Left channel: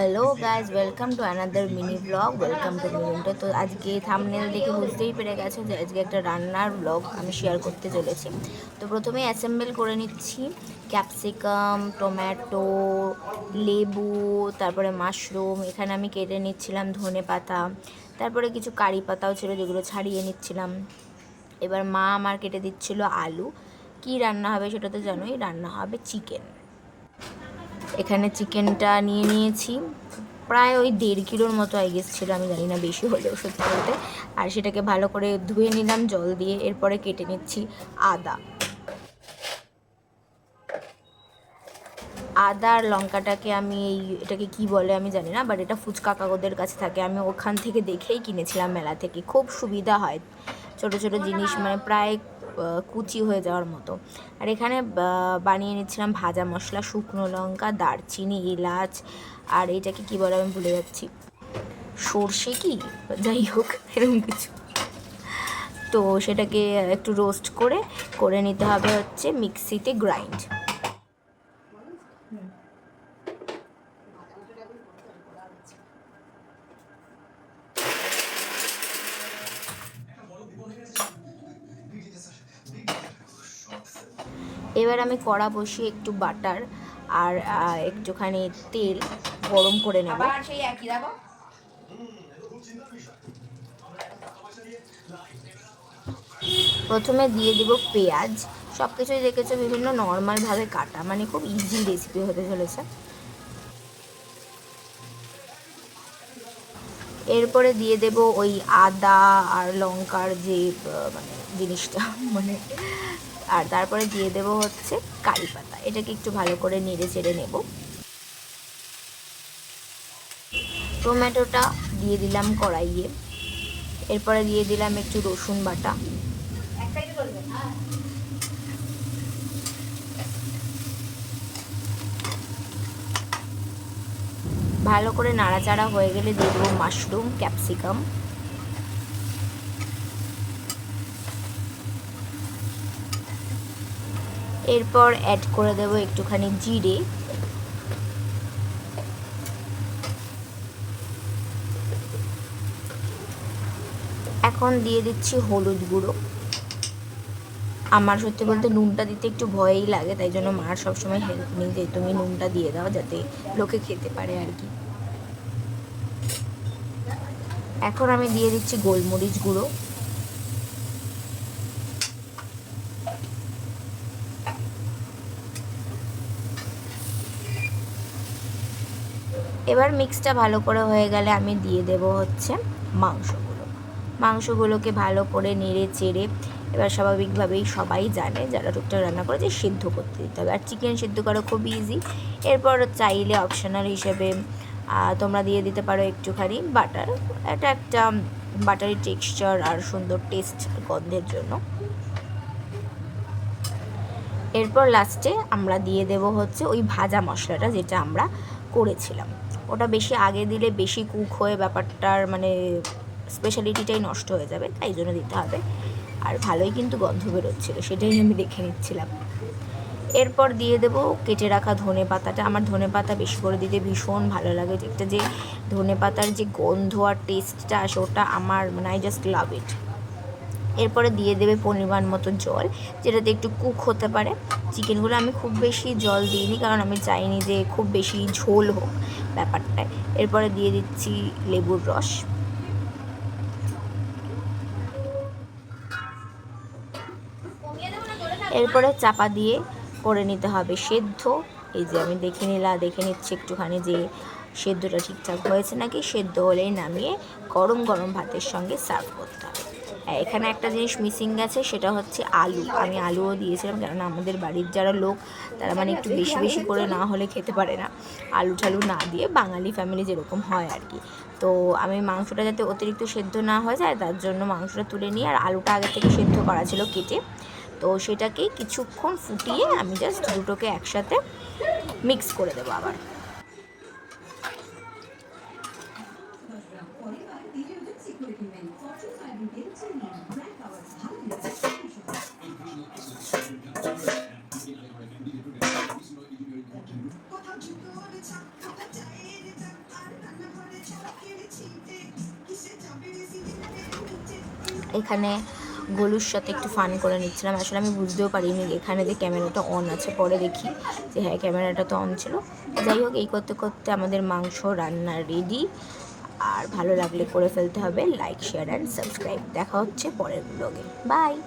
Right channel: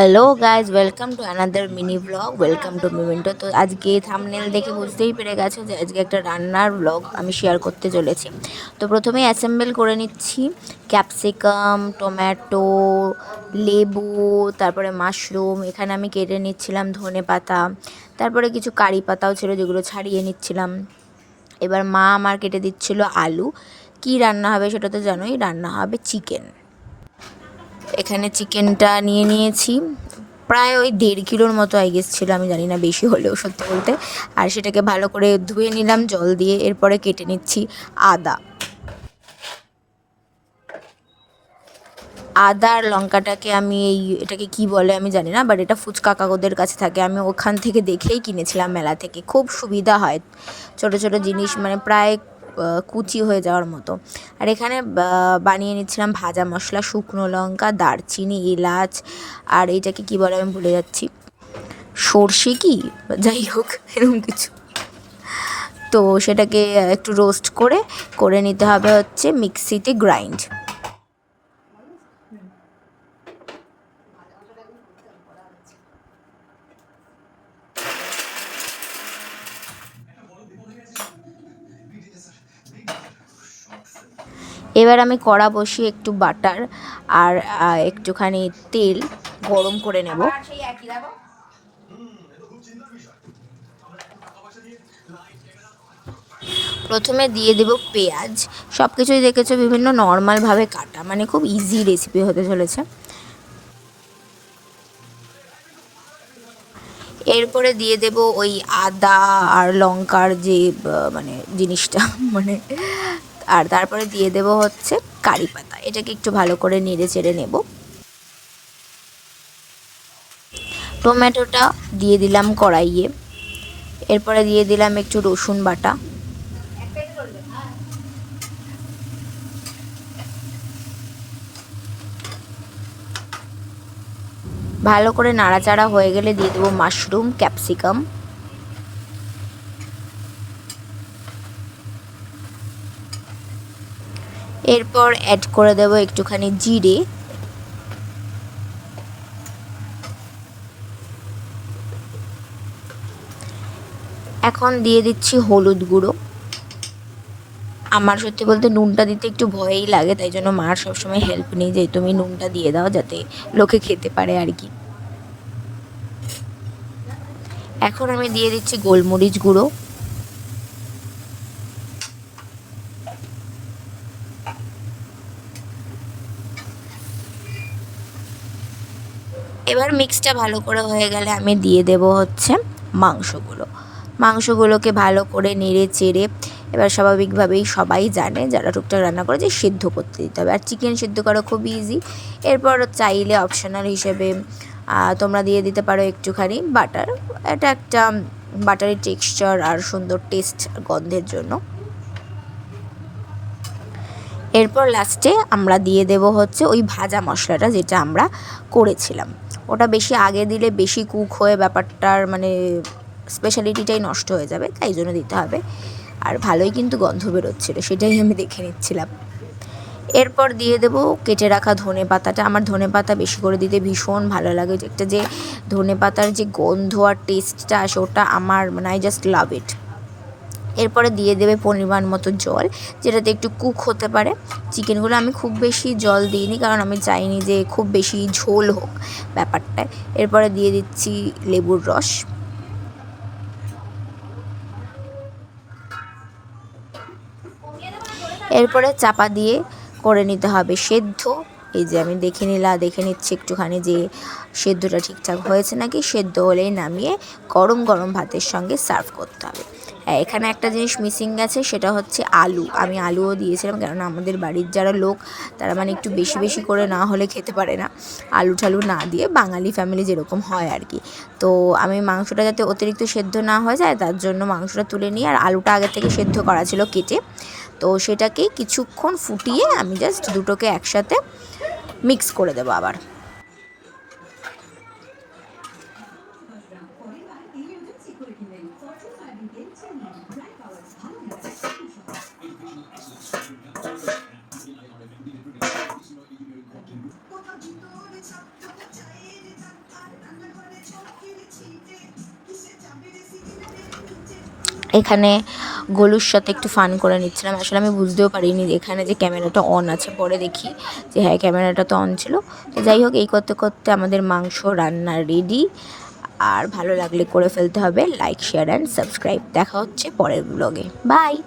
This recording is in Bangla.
Hello guys, welcome to another mini blog. Welcome to মিমিন্টো। তো আজকে থাম্বনেল দেখে বুঝতেই পেরে গেছো যে আজকে একটা রান্নার ব্লগ আমি শেয়ার করতে চলেছি। তো প্রথমেই অ্যাসেম্বল করে নিচ্ছি ক্যাপসিকাম, টমেটো, লেবু, তারপরে মাশরুম। এখানে আমি কেটে নিচ্ছিলাম ধনে পাতা, তারপরে কিছু কারি পাতাও ছিল যেগুলো ছাড়িয়ে নিচ্ছিলাম। এবার মা আমার কেটে দিচ্ছিল আলু। কি রান্না হবে সেটা তো জানোই, রান্না হবে চিকেন। এখানে চিকেনটা নিয়ে নিয়েছি, প্রায় ওই 1.5 কিলোর মতো আই গেস ছিল, আমি জানি না বেশি হলেও সত্যি বলতে। আর সেটাকে ভালো করে ধুয়ে নিলাম জল দিয়ে। এরপরে কেটে নিচ্ছি আদা। আদা আর লঙ্কাটাকে আমি এটাকে কি বলে আমি জানি না, বাট এটা ফুচকা কাকুদের কাছে থাকে, আমি ওখান থেকে দেখেই কিনেছিলাম মেলা থেকে। খুব সুবিধা হয়, ছোট ছোট জিনিস মানে প্রায় কুচি হয়ে যাওয়ার মতো। আর এখানে বানিয়ে নিচ্ছিলাম ভাজা মশলা, শুকনো লঙ্কা, দারচিনি, এলাচ, আর এইটাকে কি বলে আমি ভুলে যাচ্ছি, সর্ষে কি, যাই হোক এরকম কিছু। তো সেটাকে একটু রোস্ট করে করে নিতে হবে হচ্ছে মিক্সিতে গ্রাইন্ড। এবার আমি কড়া বসিয়ে একটু বাটার আর একটুখানি তেল গরম করে নেব। প্রথমে দিয়ে দেব পেঁয়াজ। সব কিছুই দেখেছো বিভিন্ন নর্মালভাবে কাটা, মানে খুব ইজি রেসিপি হতে চলেছে। এরপরে দিয়ে দেব ওই আদা আর লঙ্কার যে মানে জিনিসটা মানে, আর তারপরে দিয়ে দেব হচ্ছে কারি পাতা। এটাকে একটু ভালো করে নেড়ে চেড়ে নেব। টমেটোটা দিয়ে দিলাম কড়াইয়ে। এরপরে দিয়ে দিলাম একটু রসুন বাটা। ভালো করে নাড়াচাড়া হয়ে গেলে দিয়ে দেবো মাশরুম, ক্যাপসিকাম। এরপর অ্যাড করে দেবো একটুখানি জিরে। এখন দিয়ে দিচ্ছি হলুদ গুঁড়ো। আমার সত্যি বলতে নুনটা দিতে একটু ভয়ই লাগে, তাই জন্য মার সবসময় হেল্প নিই যে তুমি নুনটা দিয়ে দাও যাতে লোকে খেতে পারে আর কি। এখন আমি দিয়ে দিচ্ছি গোলমরিচ গুঁড়ো। এবার মিক্সটা ভালো করে হয়ে গেলে আমি দিয়ে দেব হচ্ছে মাংসগুলো। মাংসগুলোকে ভালো করে নেড়ে চেড়ে, এবার স্বাভাবিকভাবেই সবাই জানে যারা টুকটাক রান্না করে যে সিদ্ধ করতে দিতে হবে। আর চিকেন সিদ্ধ করা খুব ইজি। এরপর চাইলে অপশনাল হিসেবে তোমরা দিয়ে দিতে পারো একটুখানি বাটার। এটা একটা বাটারি টেক্সচার আর সুন্দর টেস্ট গন্ধের জন্য। এরপর লাস্টে আমরা দিয়ে দেব হচ্ছে ওই ভাজা মশলাটা যেটা আমরা করেছিলাম। ওটা বেশি আগে দিলে বেশি কুক হয়ে ব্যাপারটার মানে স্পেশালিটিটাই নষ্ট হয়ে যাবে, তাই জন্য দিতে হবে। আর ভালোই কিন্তু গন্ধ বেরোচ্ছিলো, সেটাই আমি দেখে নিচ্ছিলাম। এরপর দিয়ে দেবো কেটে রাখা ধনে পাতাটা। আমার ধনে পাতা বেশি করে দিতে ভীষণ ভালো লাগে, একটা যে ধনে পাতার যে গন্ধ আর টেস্টটা আসে ওটা আমার মানে আই জাস্ট লাভ ইট। এরপরে দিয়ে দেবে পরিমাণ মতো জল, যেটাতে একটু কুক হতে পারে চিকেনগুলো। আমি খুব বেশি জল দিইনি কারণ আমি চাইনি যে খুব বেশি ঝোল হোক ব্যাপারটায়। এরপরে দিয়ে দিচ্ছি লেবুর রস। এরপরে চাপা দিয়ে করে নিতে হবে সেদ্ধ। এই যে আমি দেখে নিচ্ছি একটুখানি যে সেদ্ধটা ঠিকঠাক হয়েছে নাকি। সেদ্ধ হলেই নামিয়ে গরম গরম ভাতের সঙ্গে সার্ভ করতে হবে। হ্যাঁ, এখানে একটা জিনিস মিসিং গেছে, সেটা হচ্ছে আলু। আমি আলুও দিয়েছিলাম, কেননা আমাদের বাড়ির যারা লোক তারা মানে একটু বেশি বেশি করে না হলে খেতে পারে না, আলু ঠালু না দিয়ে, বাঙালি ফ্যামিলি যেরকম হয় আর কি। তো আমি মাংসটা যাতে অতিরিক্ত সেদ্ধ না হয়ে যায় তার জন্য মাংসটা তুলে নিয়ে, আর আলুটা আগে থেকে সেদ্ধ করা ছিল কেটে, তো সেটাকে কিছুক্ষণ ফুটিয়ে আমি জাস্ট দুটোকে একসাথে মিক্স করে দেবো আবার। এখানে গোলুর সাথে একটু ফান করে নিচ্ছিলাম। আসলে আমি বুঝতেও পারিনি এখানে যে ক্যামেরাটা অন আছে, পরে দেখি যে হ্যাঁ ক্যামেরাটা তো অন ছিল। তো যাই হোক, এই করতে করতে আমাদের মাংস রান্না রেডি। আর ভালো লাগলে করে ফেলতে হবে লাইক, শেয়ার অ্যান্ড সাবস্ক্রাইব। দেখা হচ্ছে পরের ব্লগে। বাই।